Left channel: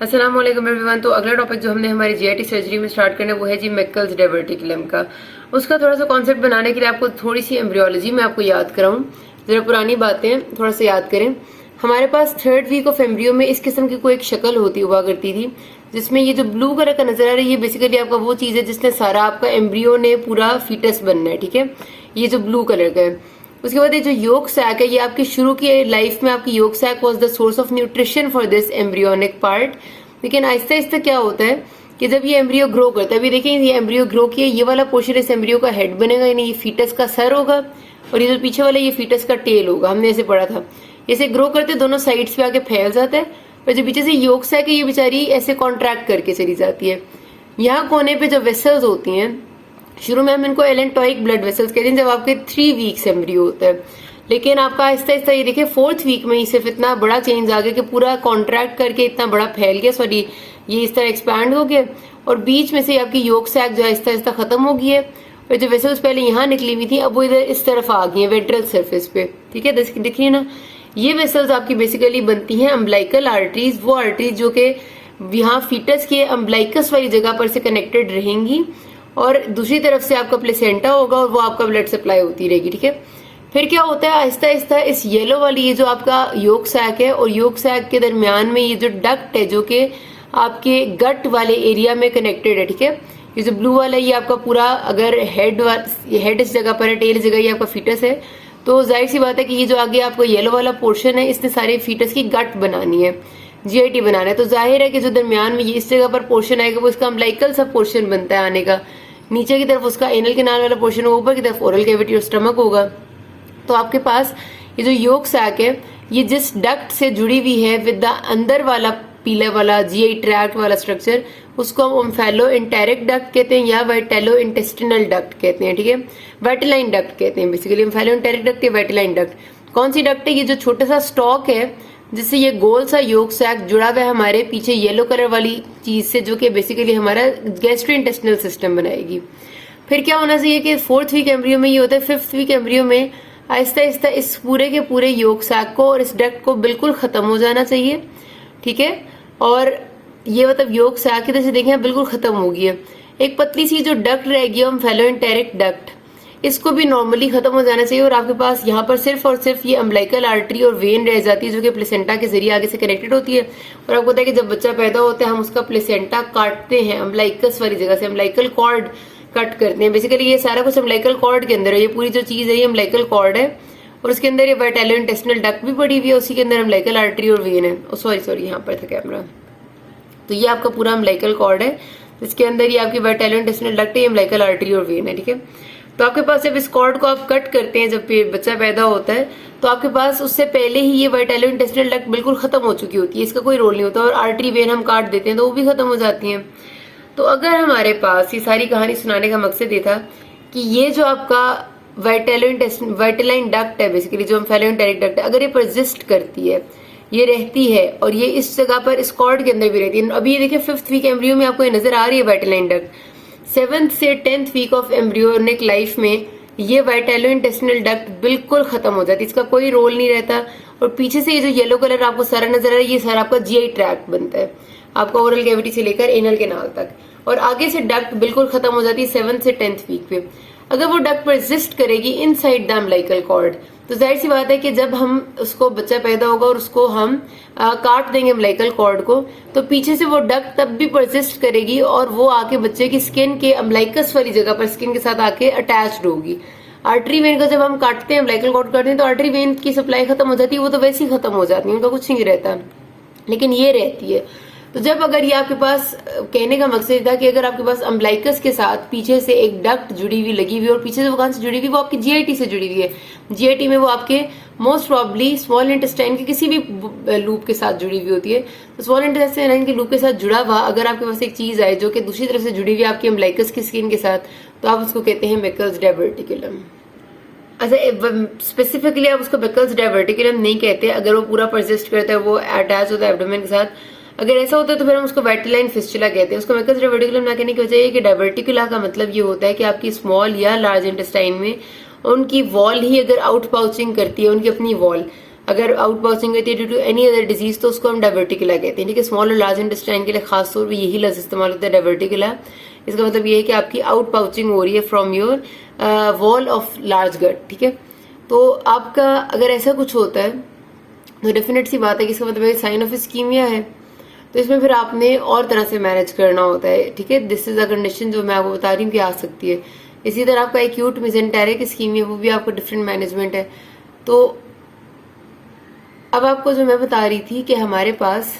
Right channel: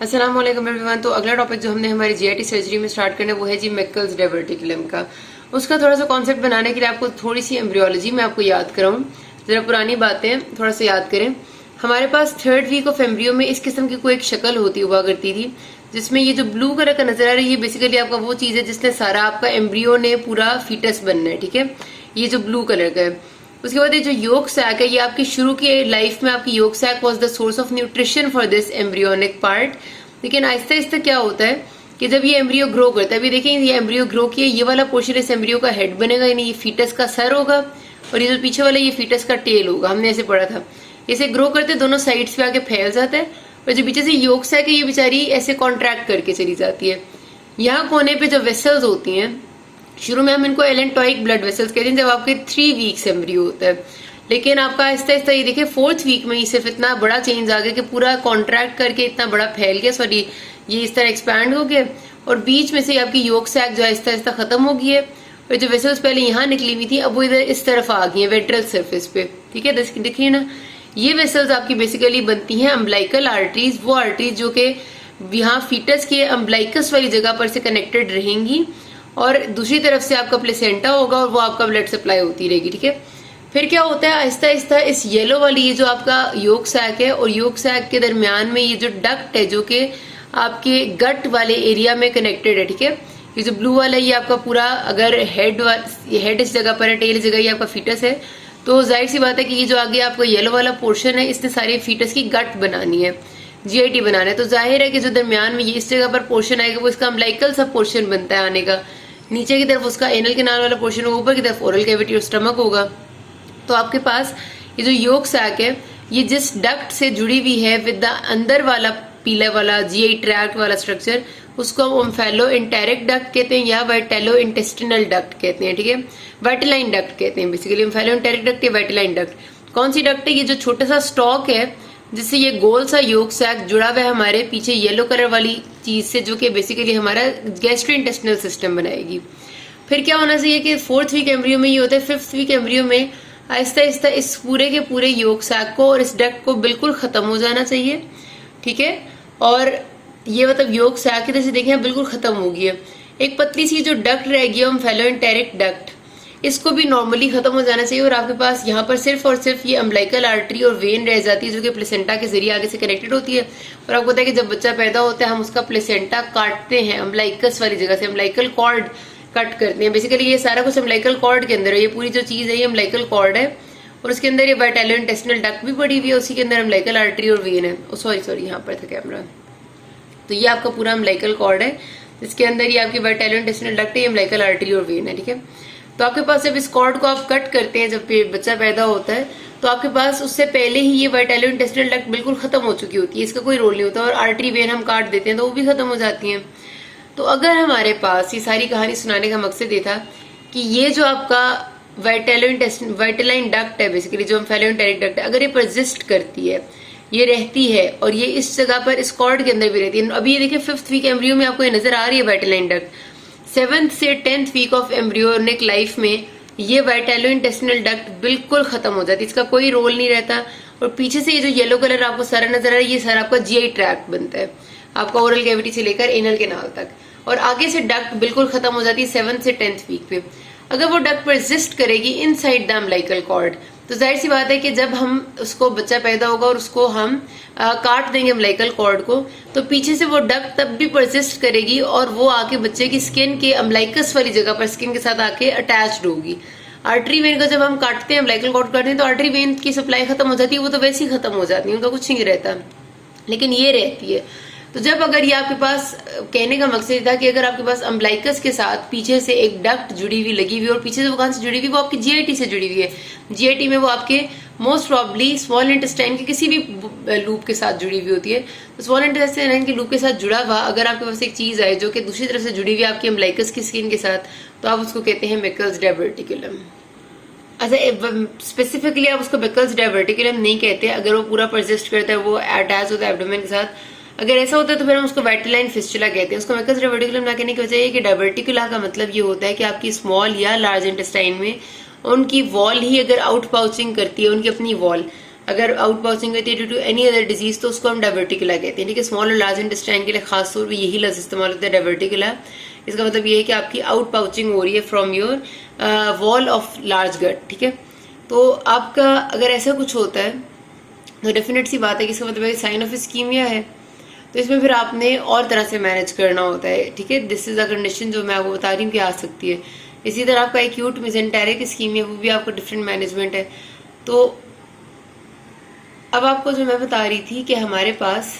अस्सलाम वालेकुम एवरीवन। तो अगला टॉपिक जो हमने हमारी जीआईटी सर्जरी में स्टार्ट करना है वो है जी मैकल्स डायवर्टिकुलम का। उसका थोड़ा सा कॉन्सेप्ट बनाने के लिए आपको थोड़ी सी एम्ब्रियोलॉजी में आपको याद कराऊं, जरा पुरानी बातें थोड़ा सा याद करें। हमारे पास 3rd वीक ऑफ एम्ब्रियो में इस किस्म की कोई एक शक्ल होती हुआ करती थी, जिसमें ये जो ब्लू कलर का नजर आ रहा है ये बेसिकली आपका वो चीज है जिसने सारा आपका एम्ब्रियो ने पूरा फीटस बनना है, ठीक है। ये जो ब्लू कलर का है, उसके बाद ये जो योक सैक है ये आपकी शुरू की लाइफ में आपकी yolk sac was the source of nutrition for this embryonic part. लेकिन आहिस्ता आहिस्ता क्या होता है कि जब ये एम्ब्रियो ग्रो करता है, अभी देखिए ये एम्ब्रियो ग्रो किया, ये वाला पोर्शन इस एम्ब्रियो का हेड बनेगा, यानी ये फीटस का सर होगा, और ये जो पीछे वाला ये फीटस का टेल होगा। हमने ऐसे पढ़ा था। इसे ग्रो करते दोनों साइड्स पे आके फैल जाता है, और जो पीछे से योक सैक है ये बेचारी ऐसे कॉन्ट्रैक्ट करके चली जाती है। यहाँ कोने पे जो वेसल्स होती हैं, शुरू में हम इनको एलेंटोइक ब्लड वेसल्स कहते हैं जब आपके 3 वीक्स एम्ब्रियो होता है। लेकिन आपका आहिस्ता आहिस्ता ये देखिए 4th वीक में ही सिर्फ इतना बड़ा चेंज आ गया कि पूरा कॉन्ट्रैक्ट करके इतना बड़ा फैल गया, सॉरी ये इस तरह एक्सपैंड हो गया, और बीच में से आपकी योक सैक जो आहिस्ता आहिस्ता खत्म हो गई है, और जो वेसल्स पहले यहाँ निकली हुई थी अब वो इधर इस तरफ आ गई है वेंट्रल सरफेस पे, ठीक है। देखिए ना, ये वेसल्स आपकी बेसिकली बनती हैं अम्बलाइकल आर्टरीज, वो आर्टरीज जो कि यहाँ फीटस के अम्बलाइकस वाली जगह पर से कनेक्टेड रहेंगी, और दूसरी तरफ से आपका प्लेसेंटा होगा और वो आपका ब्लड सप्लाई होती रहेगी, ठीक है। फिर क्या होता है, आहिस्ता आहिस्ता इस येलो वाली ये जो आपका योक सैक है और योक सैक के दरमियान में ये जो डक्ट है जो कि आपके गट वाले एरिया में कनेक्टेड है, ठीक है। ये जो ब्लू वाला ये आपका पूरा, अगर हेड इस जगह पर है, टेल इस जगह ये आपका फीटस है, तो जाहिर सी बात है कि ये जो आगे आपका येलो वाला पोर्शन है इसने सारे फीटस की गट बनानी है, जीआईटी बनाना है। तो जाहिर है कि जो दरमियान में ये इस जगह पर पोर्शन आएगा वो इसका अम्बलाइकल सब पोर्शन बनता है आने का, नीचे की तरफ उसका एनल कैनाल वाला पोर्शन होगा, ऊपर की तरफ ओरल कैविटी और स्टमक होगा। तो आपके पास ये जो योक सैक है ये जिस डक्ट से जुड़ी हुई है विद द अंदर वाला पीले वाला जीआई ट्रैक्ट वाला स्ट्रक्चर, उसको हम ओम्फेलो इंटेरिक डक्ट कहते हैं या वाइटेलो इंटेस्टिनल डक्ट कहते हैं, ठीक है। वाइटेलाइन डक्ट कहते हैं बेसिकली, ओम्फेलो इंटेरिक डक्ट या वाइटेलाइन डक्ट। कौन सी डक्ट है? ये जो छोटा सा स्टॉक है जिससे ये गोल सा योक सैक जुड़ा हुआ है हमारे पीछे येलो कलर वाली चीज से, जो कि बेसिकली हमारा गैस्ट्रोइंटेस्टिनल सिस्टम बनाएगी। फिर क्या होना चाहिए कि 4th वीक एम्ब्रियो में ये होता है, 5th वीक एम्ब्रियो में आहिस्ता आहिस्ता इस पूरे के पूरे योक सैक को और इस डक्ट को बिल्कुल खत्म हो जाना चाहिए, ठीक है। और ये मतलब योक सैक की जैसे देखें बिल्कुल खत्म हो गई है। एक पतली सी जो डक्ट रहेगी हम फेलोइंटेरिक डक्ट, इसको भी नॉर्मली खत्म हो जाना चाहिए, और आपके पास यहाँ पर सिर्फ और सिर्फ ये अम्बलाइकल आर्टरी और वेन रह जाती है जो कि प्लेसेंटा के जरिए आगे से कनेक्टेड होती है। और आपको पता है कि जब बच्चा पैदा होता है हम उसका प्लेसेंटा काटते हैं अम्बलाइकस वाली जगह से, अम्बलाइकल कॉर्ड कट करते हैं। बेसिकली ये सारा कुछ अम्बलाइकल कॉर्ड के अंदर है, ये पूरी जो चीज है ये अम्बलाइकल कॉर्ड है, और उसके अंदर ये वाइटेलो इंटेस्टिनल डक्ट भी पड़ी हुई है, उसी के अंदर अम्बलाइकल आर्टरी और वेन है। सॉरी यहाँ पर था कैमरा। तो ये आपका पूरा अम्बलाइकल कॉर्ड है जिसके अंदर ये आपकी वाइटेलो इंटेस्टिनल डक्ट है, अम्बलाइकल आर्टरी और वेन है, ठीक है। तो आपके पास जब इस कॉर्ड को आप कट करते हैं, जब बच्चा पैदा होता है, तो आपके पास उससे पहले ही ये वाइटेलो इंटेस्टिनल डक्ट बिल्कुल खत्म हो चुकी होती है, इसका कोई रोल नहीं होता, और आर्टरी वेन हम काट देते हैं तो वो भी खत्म हो जाती हैं। तो अगर हमारे पास, ये सारी कहानी सुनाने का मकसद ये था कि ये जो आपका वाइटेलाइन डक्ट है बेसिकली, जो फेलोइंटेरिक डक्ट है, अगर ये परसिस्ट करती है, ये रहती है, और ये इस जगह पर इस कॉर्ड के अंदर भी रहती है। अभी ये देखिए 5th वीक एम्ब्रियो में आपको ये नजर आ रही है वाइटेलाइन डक्ट। 7th से 10th week of embryonic life में ये वाइटेलो इंटेस्टिनल डक्ट बिल्कुल खत्म हो जाती है, इसका कोई रोल नहीं रहता। और पीछे से ये जो येलो कलर आपको सारा नजर आ रहा है ये सारा आपका जीआई ट्रैक्ट बनता है, आपका ओरल कैविटी से लेकर एनल कैनाल तक, और आगे से डक्ट बिल्कुल खत्म हो जाती है 7th से 10th वीक पे। अगर वो डक्ट परसिस्ट करेगी इनसाइड द अम्बलाइकल कॉर्ड, तो जाहिर सी बात है कि जब हम उसको बच्चा पैदा होगा और उसको हम काट देंगे अम्बलाइकल कॉर्ड को, तो पीछे से वो डक्ट तब भी परसिस्ट करेगी और वो आके बच्चे की स्किन के अम्बलाइकस वाली जगह पर स्किन के साथ आके अटैच्ड होगी। आर्टरी वेन को जब हम काटते हैं, अम्बलाइकल कॉर्ड काटते हैं, तो आर्टरी वेन की सप्लाई खत्म हो जाती है, वो तो वैसे ही खत्म हो जाती है, उनका कुछ नहीं रहता, लेकिन ये रहती है। तो जब अगर ये आपके पास, कहने का मकसद था कि अगर आपके पास अम्बलाइकस के साथ पीछे से एक डक्ट जुड़ी हुई लगी हुई, और पीछे से वो कहां से जुड़ी हुई, वो आपकी जीआईटी से जुड़ी हुई है। जीआईटी में वो आपके मोस्ट प्रॉब्ली स्मॉल इंटेस्टाइन के किसी भी लूप के साथ जुड़ी हुई होती है। तो स्मॉल इंटेस्टाइन के लूप के साथ जुड़ा हुआ अगर आपके पास एक चीज आए जो कि दूसरी तरफ से जुड़ी हुई है आपकी अम्बलाइकस की स्किन के साथ, तो आप उसको कहते हैं मैकल्स डायवर्टिकुलम। अच्छा, स्पेसिफिकली आप उसको मैकल्स डायवर्टिकुलम नहीं कहते अगर वो पूरा परसिस्ट करता है, वो अटैच होता है एब्डोमेन के साथ। अगर ऐसा होता है तो फिर हम उसको वाइटेलाइन फिस्टुला कहते हैं। उसको मैकल्स डायवर्टिकुलम ना कहने की वजह ये कि डायवर्टिकुला का मतलब ये होता है कि आपकी स्मॉल या लार्ज इंटेस्टाइन में उनकी वॉल ही अगर आउट पाउचिंग करती है, उनकी अपनी वॉल, अगर आउट पाउचिंग होती है due to any other disease तो उसको हम डायवर्टिकुला कहते हैं। ठीक है, स्मॉल और लार्ज इंटेस्टाइन के लिए खास तौर पर यही लफ्ज इस्तेमाल होता है डायवर्टिकुला। इसका मतलब ये है कि आपकी आउट पाउचिंग हो रही है from your wall of large gut. ठीक है, तो आपका अगर ऐसा कुछ होता है तो डेफिनेट सी बात है कि इसका मतलब साइन ऑफ इस्कीमिया है, तो इसमें फिर आपने और तरह से मैनेज करना होता है। ठीक है, दिस इज अ कंडीशन जो मैं आपको बता रही हूँ कि आ सकती है। इसी तरह आपका एक्यूट मेसेंटेरिक इस्कीमिया, वो भी आपका डिफरेंट मैनेजमेंट है। तो अब आपको जो मैं बता रही थी कि हमारे पास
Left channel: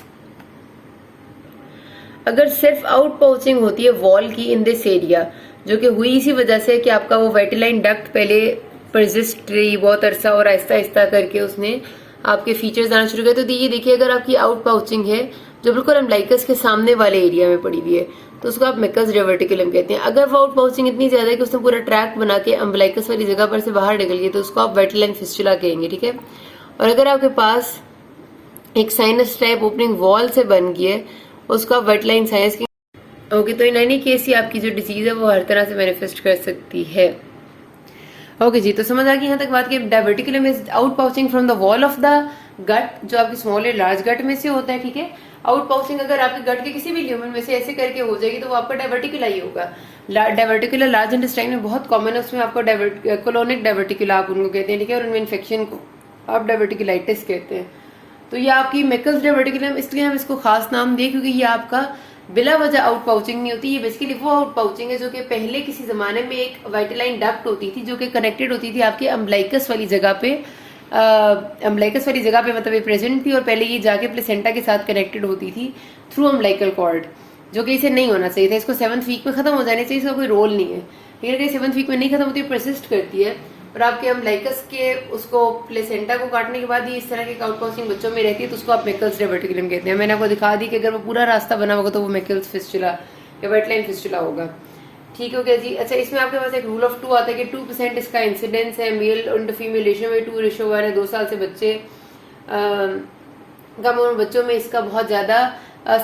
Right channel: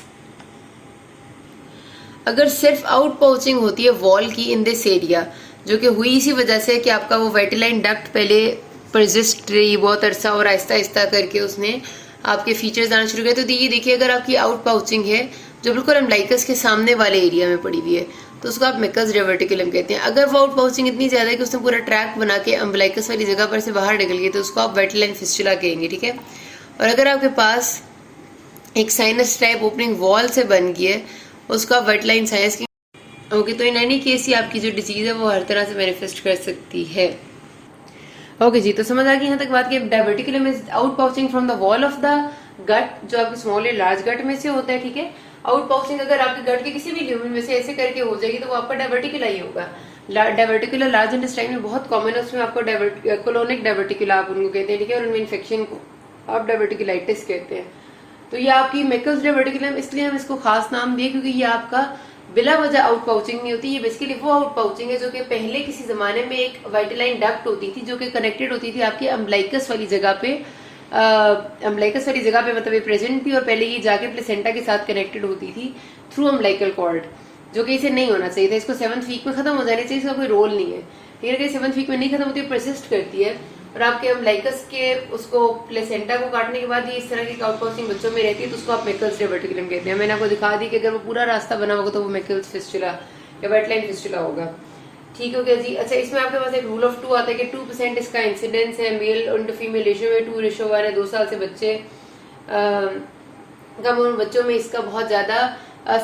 अगर सिर्फ आउट पाउचिंग होती है वॉल की इन दिस एरिया, जो कि हुई इसी वजह से कि आपका वो वेटिलाइन डक्ट पहले परसिस्ट रही बहुत अरसा और आहिस्ता आहिस्ता करके उसने आपके फीचर्स आना शुरू किए। तो ये देखिए, अगर आपकी आउट पाउचिंग है जो बिल्कुल अम्बलाइकस के सामने वाले एरिया में पड़ी हुई है तो उसको आप मेकल्स डायवर्टिकुलम कहते हैं। अगर वो आउट पाउचिंग इतनी ज्यादा है कि उसने पूरा ट्रैक बना के अम्बलाइकस वाली जगह पर से बाहर निकल गई तो उसको आप वेटिलाइन फिस्टुला कहेंगे। ठीक है, और अगर आपके पास एक साइनस टाइप ओपनिंग वॉल से बन गई है उसको आप वेटलाइन साइनस की ओके। तो इन एनी केस ही आपकी जो डिजीज है वो हर तरह से मैनिफेस्ट कर सकती है। ओके जी, तो समझ आ गई यहाँ तक बात की diverticulum is out pouching from the wall of the gut, जो आपकी स्मॉल या लार्ज गट में से होता है। ठीक है, आउट पाउचिंग अगर आपके गट के किसी भी ल्यूमेन में से ऐसे करके हो जाएगी तो वो आपका डायवर्टिकुला ही होगा। डायवर्टिकुला लार्ज इंटेस्टाइन में बहुत कॉमन है, उसमें आपको कोलोनिक डायवर्टिकुला आप उनको कहते हैं। ठीक है, और उनमें इन्फेक्शन को आप डायवर्टिकुलाइटिस कहते हैं। तो ये आपकी मेकल्स डायवर्टिकुलम, इसलिए हम इसको खास नाम दिए क्योंकि ये आपका बिला वजह आउट पाउचिंग नहीं होती। ये बेसिकली वो आउट पाउचिंग है जो कि पहले किसी जमाने में एक वाइटलाइन डक्ट होती थी जो कि कनेक्टेड होती थी आपके अम्बलाइकस वाली जगह पे। अम्बलाइकस वाली जगह पे मतलब ये प्रेजेंट थी और पहले ये जाके प्लेसेंटा के साथ कनेक्टेड होती थी थ्रू अम्बलाइकल कॉर्ड, जो कि इसे नहीं होना चाहिए था। इसको 7th वीक में खत्म हो जाने चाहिए, इसका कोई रोल नहीं है। लेकिन अगर 7th वीक में नहीं खत्म होती, परसिस्ट करती है और आपके अम्बलाइकस के उसको प्लेसेंटा को काटने के बाद ये इस तरह की आउट पाउचिंग बच्चों में रहती है तो उसको आप मेकल्स डायवर्टिकुलम कहते हैं। मैंने आपको दिखा दी कि अगर वो पूरा रास्ता बना होगा तो वो मेकल्स फिस्टुला या वेटलाइन फिस्टुला होगा। ठीक हो गया जी। अच्छा, इसमें आपके पास एक रूल ऑफ 2 आता है कि 2% इसका इंसिडेंस है मेल इंटू फीमेल रेशियो में 2:1 है। 2 साल से बच्चे कम उम्र बच्चों में इसका बहुत ज्यादा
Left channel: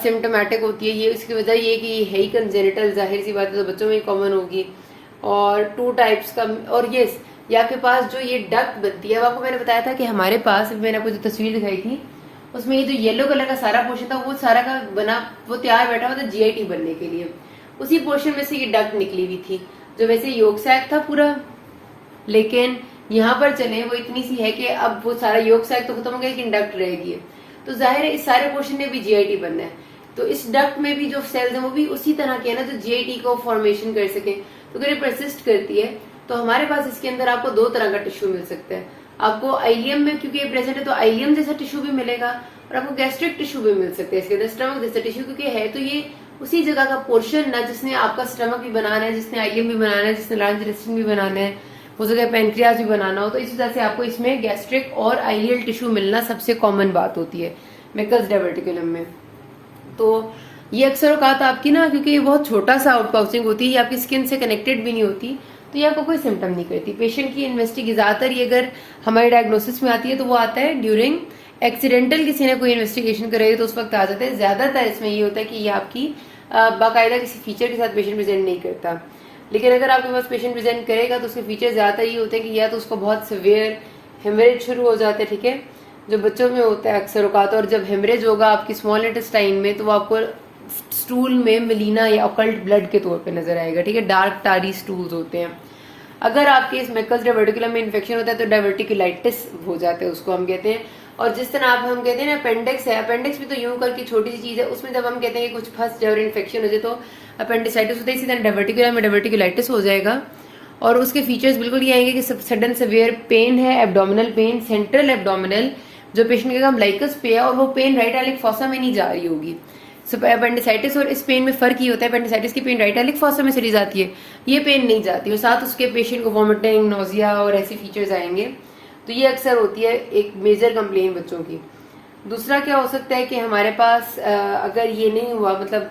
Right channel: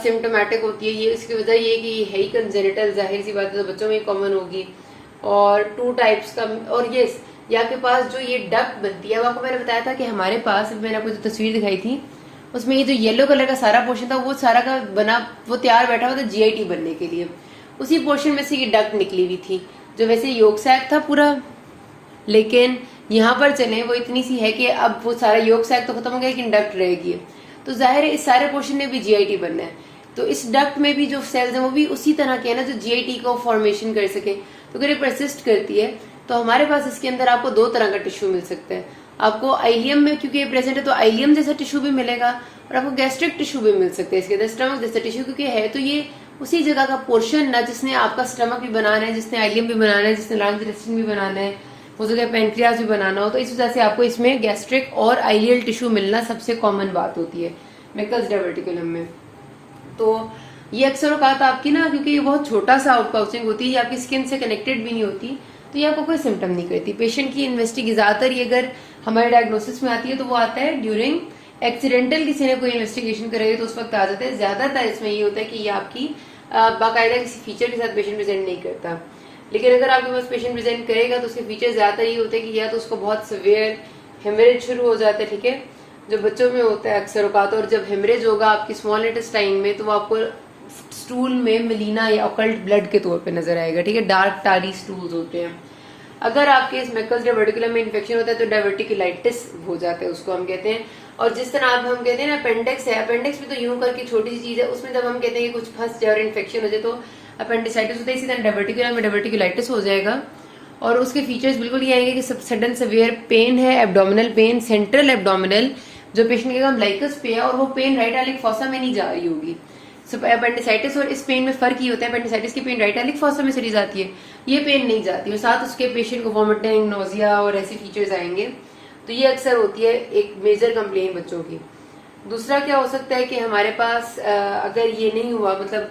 सिम्टोमेटिक होती है। ये इसकी वजह ये कि ये है ही कंजेनिटल, जाहिर सी बात है तो बच्चों में कॉमन होगी। और 2 टाइप्स का, और ये आपके पास जो ये डक्ट बनती है, अब आपको मैंने बताया था कि हमारे पास, मैंने आपको जो तस्वीर दिखाई थी उसमें ये जो येलो कलर का सारा पोर्शन था वो सारा का बना, वो तैयार बैठा हुआ था जीआईटी बनने के लिए। उसी पोर्शन में से ये डक्ट निकली हुई थी जो वैसे योग सैक था पूरा, लेकिन यहाँ पर चले वो इतनी सी है कि अब वो सारा योग सैक तो खत्म हो गया लेकिन डक्ट रहेगी। तो जाहिर है इस सारे पोर्शन में भी जीआईटी बनना है, तो इस डक्ट में भी जो सेल्स है वो भी उसी तरह के है ना जो जीआईटी को फॉर्मेशन कर सके। तो अगर ये परसिस्ट करती है तो हमारे पास इसके अंदर आपको 2 तरह का टिश्यू मिल सकता है। आपको आइलियम में, क्योंकि ये प्रेजेंट है तो आइलियम जैसा टिश्यू भी मिलेगा और आपको गैस्ट्रिक टिश्यू भी मिल सकता है इसके अंदर, स्टमक जैसा टिश्यू, क्योंकि है तो ये उसी जगह का पोर्शन ना जिसने आपका स्टमक भी बनाना है, जिसने आइलियम भी बनाना है, जिसने लार्ज इंटेस्टाइन भी बनाना है, हो सके पेनक्रियाज भी बनाना हो। तो इस वजह से आपको इसमें गैस्ट्रिक और आइलियल टिश्यू मिलना सबसे कॉमन बात होती है मेकल्स डायवर्टिकुलम में। तो ये अक्सर औकात आपकी ना, क्योंकि ये बहुत छोटा सा आउट पाउचिंग होती है, आपकी स्किन से कनेक्टेड भी नहीं होती, तो ये आपको कोई सिम्टम नहीं करती। पेशेंट की इन्वेस्टिगेशन ज्यादातर ये अगर हमारे डायग्नोसिस में आती है तो वो आता है ड्यूरिंग एक्सीडेंटल, किसी ने कोई इन्वेस्टिगेशन कराई तो उस वक्त आ जाता है। ज्यादातर इसमें ये होता है कि ये आपकी बाकायदा किसी फीचर के साथ पेशेंट प्रेजेंट नहीं करता। लेकिन अगर आपके पास पेशेंट प्रेजेंट करेगा तो उसके फीचर ज्यादातर ये होते हैं कि या तो उसको बहुत सिवियर हेमरेज शुरू हो जाते हैं, ठीक है, जो बच्चों में होता है अक्सर औकात। और जब हेमरेज होगा आपकी स्मॉल इंटेस्टाइन में तो वो आपको स्टूल में मिलीना या ऑकल्ट ब्लड के तौर पे नजर आएगा। ठीक है, डार्क टारी स्टूल्स होते हैं। अगर आपके इस मेकल्स डायवर्टिकुलम में इन्फेक्शन होता है तो डायवर्टिकुलाइटिस हो जाता है, उसको हम कहते हैं। और जिस तरह आप हम कहते हैं ना अपेंडिक्स है, अपेंडिक्स भी तो यूं करके छोटी सी चीज है, उसमें जब हम कहते हैं कि कुछ फंस जाए और इन्फेक्शन हो जाए तो अपेंडिसाइटिस होता है, इसी तरह डायवर्टिकुलम में डायवर्टिकुलाइटिस हो जाएगा। और उसके फीचर्स बिल्कुल ये आएंगे कि सडन सिवियर पेन है, एब्डोमिनल पेन, सेंट्रल एब्डोमिनल जो पेशेंट का अम्बलाइकस पे है और वो पेन राइट एलिक फॉसा में नहीं जा रही होगी। अपेंडिसाइटिस और इस पेन में फर्क ही होता है, अपेंडिसाइटिस की पेन राइट एलिक फॉसा में चली जाती है, ये पेन नहीं जाती, और साथ उसके पेशेंट को वॉमिटिंग, नोजिया और ऐसे फीचर्स आएंगे। तो ये अक्सर होती है एक मेजर कंप्लेन बच्चों की। दूसरा क्या हो सकता है कि हमारे पास अगर ये नहीं हुआ, मतलब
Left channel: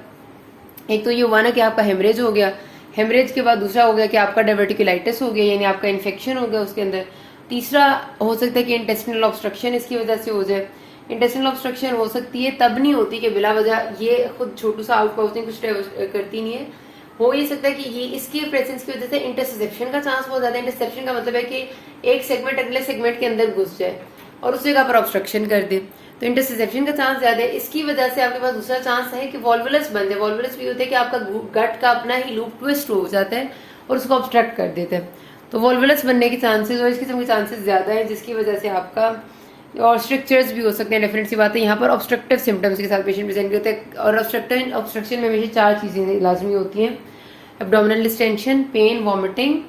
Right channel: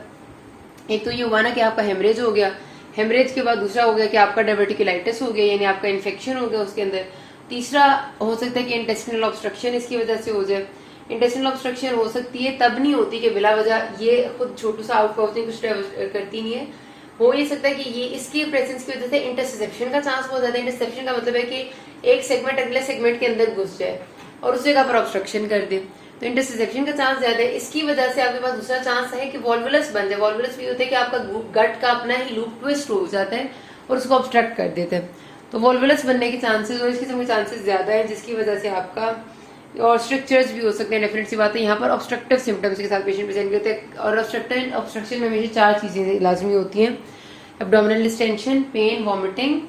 एक तो ये हुआ ना कि आपका हेमरेज हो गया, हेमरेज के बाद दूसरा हो गया कि आपका डायवर्टिकुलाइटिस हो गया, यानी आपका इन्फेक्शन हो गया उसके अंदर। तीसरा हो सकता है कि इंटेस्टिनल ऑब्स्ट्रक्शन इसकी वजह से हो जाए। इंटेस्टिनल ऑब्स्ट्रक्शन हो सकती है, तब नहीं होती कि बिला वजह ये खुद छोटू सा आउट पाउचिंग कुछ करती नहीं है। हो ये सकता है कि ये इसकी प्रेजेंस की वजह से इंटरसेप्शन का चांस बहुत ज्यादा है। इंटरसेप्शन का मतलब है कि एक सेगमेंट अगले सेगमेंट के अंदर घुस जाए, और उस जगह पर ऑब्स्ट्रक्शन कर दे, तो इंटरसेप्शन का चांस ज्यादा है। इसकी वजह से आपके पास दूसरा चांस है कि वॉल्वुलस बन जाए। वॉल्वुलस भी होता है कि आपका गट का अपना ही लूप ट्विस्ट हो जाता है और उसको ऑब्स्ट्रक्ट कर देता है, तो वॉल्वुलस बनने के चांसेस और इस किस्म के चांसेस ज्यादा है, जिसकी वजह से आपका और स्ट्रक्चर्स भी हो सकते हैं। डेफिनेट सी बात है, यहाँ पर ऑब्स्ट्रक्टिव सिम्टम्स के साथ पेशेंट प्रेजेंट होते हैं, और ऑब्स्ट्रक्शन में हमेशा 4 चीजें लाजमी होती हैं: abdominal distension, pain, vomiting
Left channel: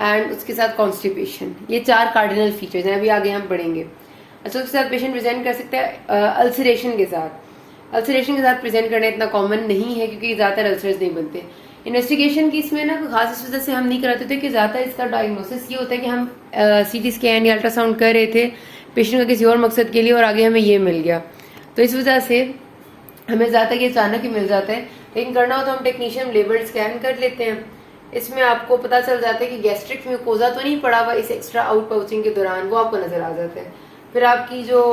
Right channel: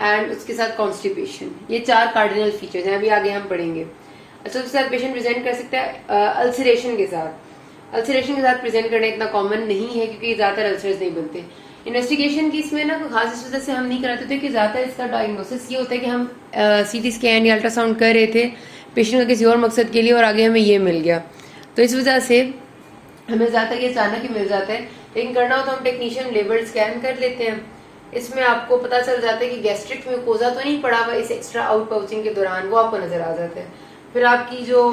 and उसके साथ कॉन्स्टिपेशन। ये 4 कार्डिनल फीचर्स हैं, अभी आगे हम पढ़ेंगे। अच्छा, उसके साथ पेशेंट प्रेजेंट कर सकता है अल्सरेशन के साथ। अल्सरेशन के साथ प्रेजेंट करना इतना कॉमन नहीं है क्योंकि ज्यादातर अल्सर्स नहीं बनते। इन्वेस्टिगेशन की इसमें ना कोई खास इस वजह से हम नहीं कराते थे कि ज्यादातर इसका डायग्नोसिस ये होता है कि हम सीटी स्कैन या अल्ट्रासाउंड कर रहे थे पेशेंट का किसी और मकसद के लिए और आगे हमें ये मिल गया, तो इस वजह से हमें ज्यादा ये अचानक ही मिल जाता है। लेकिन करना हो तो हम टेक्नीशियन लेबल्ड स्कैन कर लेते हैं, इसमें आपको पता चल जाता है कि गैस्ट्रिक म्यूकोजा तो नहीं पड़ा हुआ इस एक्स्ट्रा आउट पाउचिंग के दौरान, वो आपको नजर आ जाता है। फिर आपकी जो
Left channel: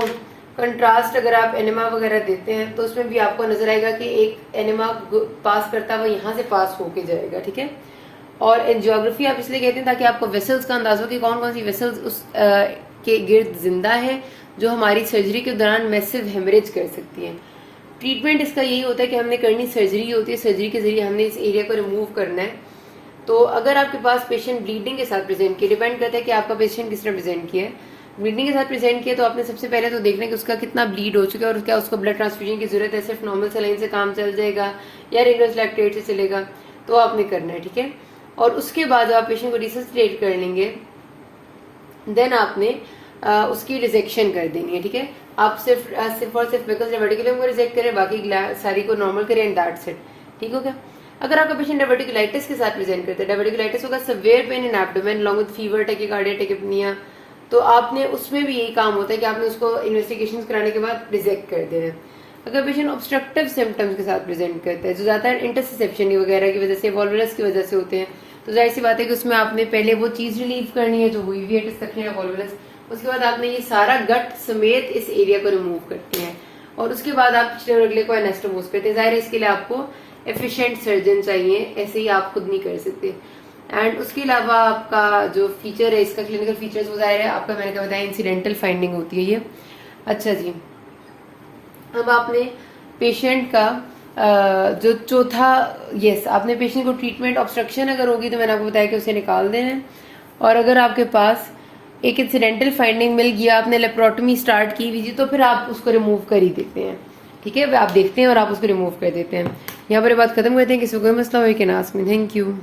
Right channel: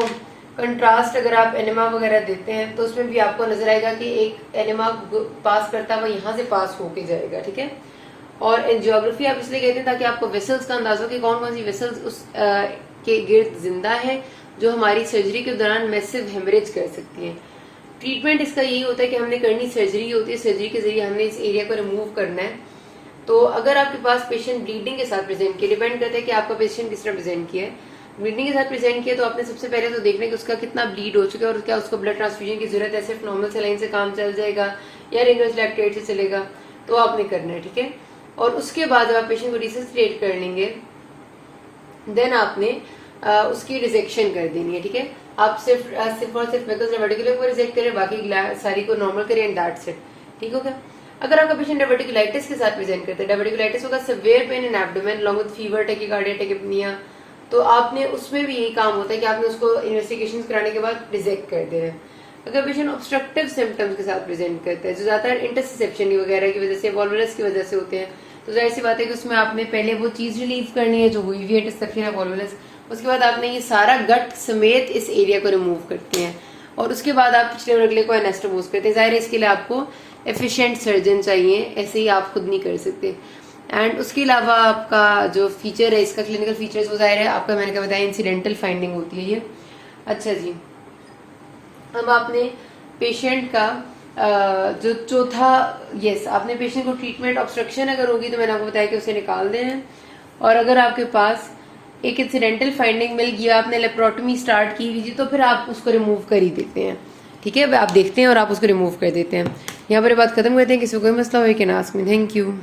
कंट्रास्ट अगर आप एनेमा वगैरह देते हैं तो उसमें भी आपको नजर आएगा कि एक एनेमा पास करता हुआ यहाँ से पास होके जाएगा, ठीक है। और एंजियोग्राफी आप इसलिए कहते हैं ताकि आपको वेसल्स का अंदाजा हो कि कौन कौन सी वेसल्स उस के गिर्द जिंदा है जो हमारी सर्जरी के दौरान मैसिव हेमरेज कर सकती है। ट्रीटमेंट इसका यही होता है कि हमने करनी सर्जरी होती है, सर्जरी के जरिए हमने इस एरिया को रिमूव करना है। तो अगर आपके पास पेशेंट ब्लीडिंग के साथ प्रेजेंट किया, डिपेंड करता है कि आपका पेशेंट किस तरह प्रेजेंट किया है। ब्लीडिंग के साथ प्रेजेंट किया तो आपने सबसे पहले तो देखना है कि उसका कितना ब्लीड हो चुका है और क्या उसको ब्लड ट्रांसफ्यूजन की जरूरत है, सिर्फ नॉर्मल सलाइन से काम चल जाएगा या रेनोस लैक्टेट से चलेगा, तो आपने करना है, ठीक है। और उसके बाद जब आप पेशेंट को रिससिटेट कर लेंगे देन आपने उसकी रिजेक्शन कर देनी है, ठीक है। आप सिर्फ और सिर्फ डायवर्टिकुलम को रिजेक्ट करें, बाकी सारी को नॉर्मल करें एंड दैट्स इट, ठीक हो गया। अगर आपका पेशेंट डायवर्टिकुलाइटिस के साथ प्रेजेंट करता है, डायवर्टिकुलाइटिस होगा severe pain in abdomen along with fever, tachycardia, tachypnoea, तो आपने उसमें भी यही काम होता है कि आपने उसको इन्वेस्टिगेशन कराने के बाद रिजेक्ट कर देना है। अगर पेशेंट ऑब्स्ट्रक्टिव सिम्टम्स के साथ प्रेजेंट करता है जो ज्यादातर इंटरसेप्शन वगैरह की वजह से, वॉल्वुलस की वजह से होते हैं, तो जाहिर सी बात है कि उसमें आपने पहले वो चीज रिलीव करनी है जो हुई हुई है डिस्ट्रक्शन वॉल्वुलस, उसके बाद आपने ये सारा गट समेत इस एरिया को रिमूव करते हैं और उसके बाद आप पिछले और अगले को एनास्टोमोस करते हैं। जाहिर है इसके लिए आपको एफिशिएंट सर्जन चाहिए, ऐसे ही आप खुद नहीं कर सकते। एंड उसके अलावा आपका जो फीचर है इसका क्लिनिकल फीचर्स वो जाहिर है आपका मैंने क्या बताया इंसिडेंटल फाइंडिंग होती है ये। अच्छा जी, अब आपने पेशेंट का जो चौथा, यस, आपने पेशेंट को ट्रीटमेंट ऑब्स्ट्रक्शन अगर होगी तो मैंने आपको बताया कि उसे निकाल देना है। और अगर आपके पास एक इंसिडेंटल फाइंडिंग मिल गया, आपने लेप्रोटमी स्टार्ट की हुई थी, तो फिर आप उसको रिमूव कर ही देते हैं, ठीक है। आप देखते हैं और आप उसको रिमूव कर देते हैं। यहाँ पर बात खत्म करते हैं, किसी को कोई मसला हो can ask me. Thank you.